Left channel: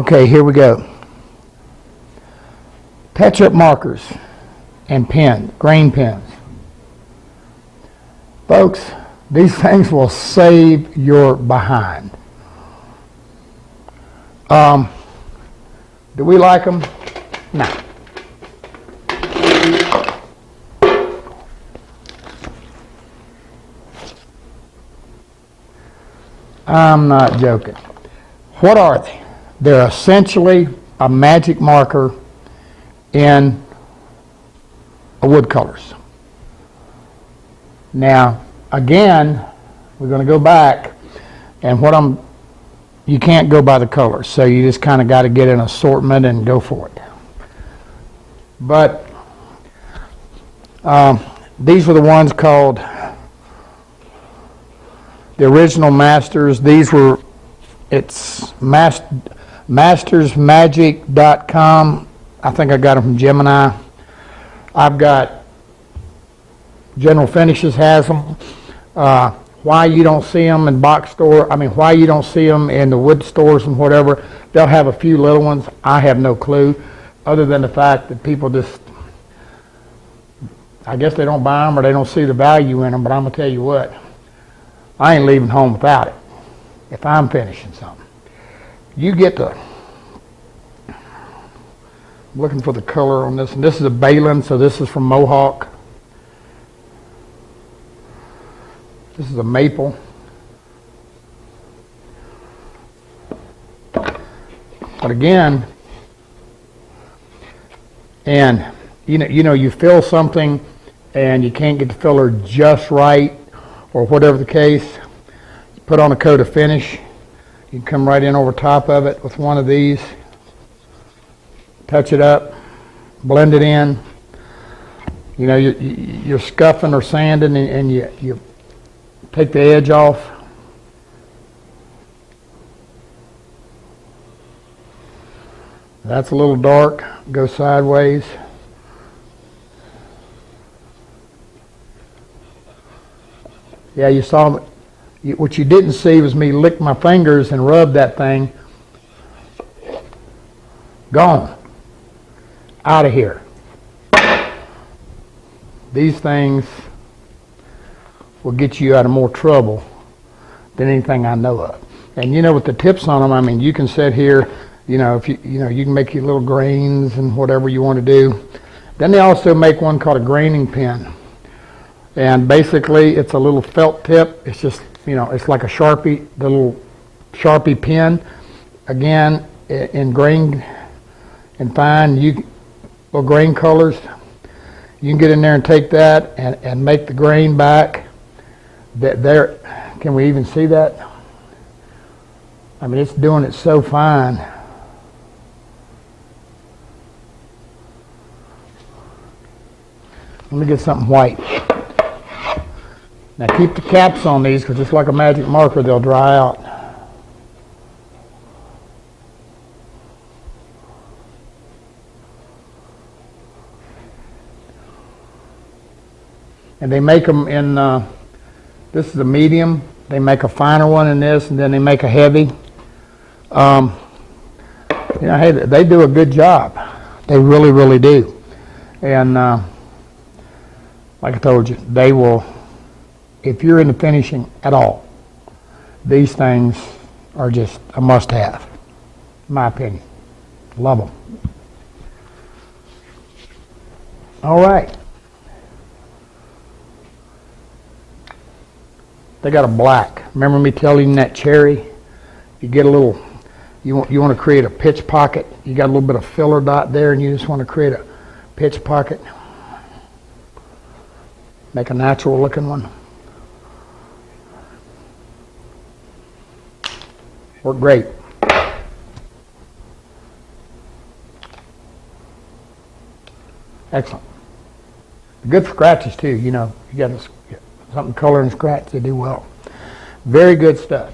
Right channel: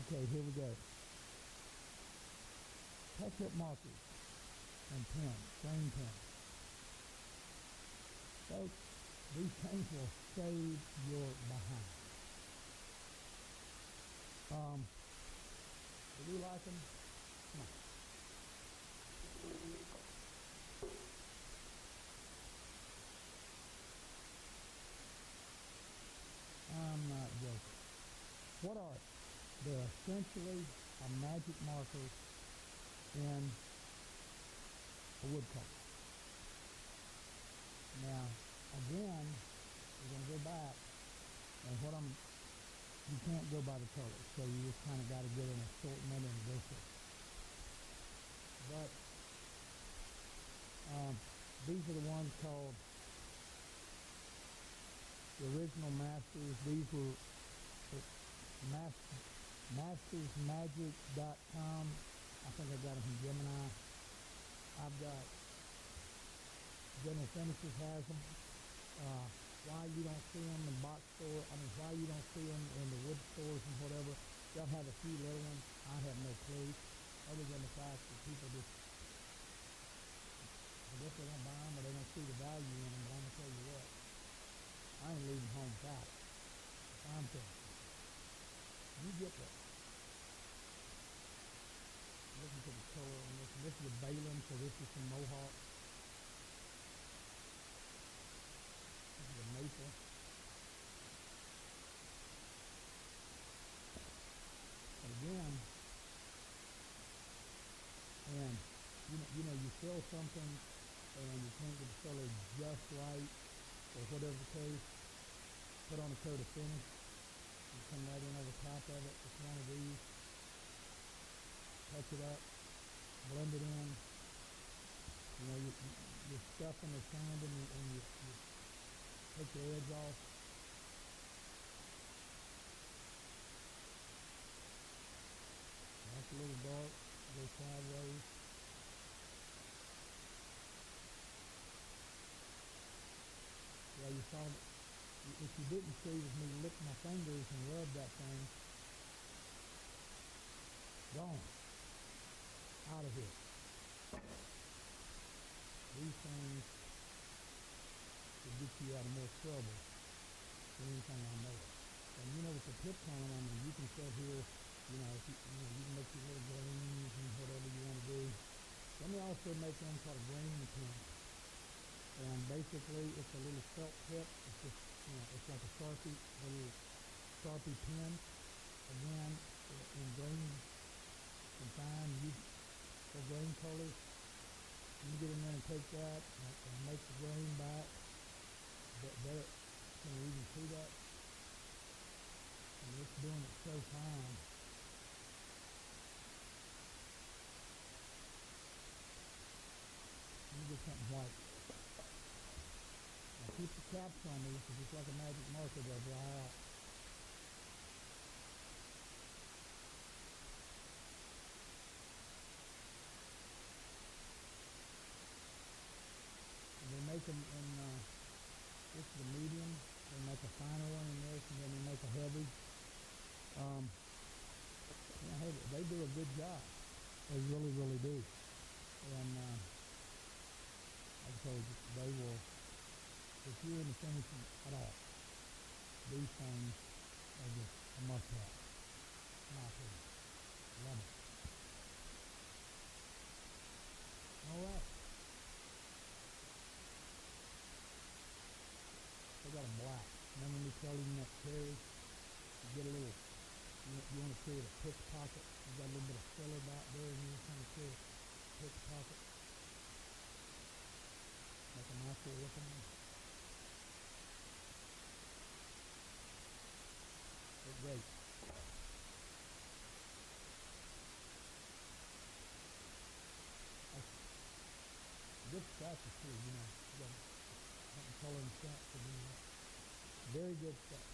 Okay, here we go. Touch-up markers and pens, grain pens. Folks, these things will save your behind. Do we like them? No. I'm not joking. What are they? They're essentially a magic marker in woodcolors. Now, again, we're going to go back, and you can't go by the colors, so you just kind of got to get an assortment and go for it. But these were the ones called the original Masters. These were, it's mastersmagic.com. I think I got them from Gemini. I've got General Finishes has them. Why you don't see them in why you don't see them in the wood stores and whatever. They'll have a few little ones. I have no clue, other than the fact that people just, I guess they don't buy them or they don't see the value in them. But I'm gonna tell you what, I ain't leaving home without it if I'm finishing something. You get the, I'm looking for the color on this, and this is a Balin, so this is from Mohawk. This is a maple. But again, and you fill something and you can't get the filler just right, or whatever the case, you put on a coat of finish. You can come right in over top of it with one of these, touch it up, blend it in. You're scuffing or sanding, and you take the edge off. That's a little dark, go sideways. Yeah, you saw, what you didn't see was me lick my fingers and rub that thing. Gone. Out of here. These things will get you out of more trouble than anything I know of. And with the tips on them, you can sit here, if you can make your little grains and whatever you want to do. Then they also make one called a graining pen. And basically it's a little felt tip. It's just, it's like a Sharpie, the little Sharpie pen. Again, in grain and fine, little grain colors. You can get in there and take that and make the grain back. Can we even see that? It's doing it so fine. Let me get something white. Now keep the caps on these, because just like a magic marker, they'll dry out. And they make them in, this is a medium. They make a finer one in this, and then they make a heavy. Hey, they do a good job. They really, really do. And like I told you, they will, if you're into finishing at all, these things are just a must-have, in my opinion. Love them. All right. They got a black. Remember me telling you that cherry? You get a little, you want to create a pitch pocket. You got a little bit of filler dot there, and you just want to create a pitch pocket. Make a natural looking one. Work great. Excellent. Good for scratches too, you got something color and scratch, they do well. Very good stuff.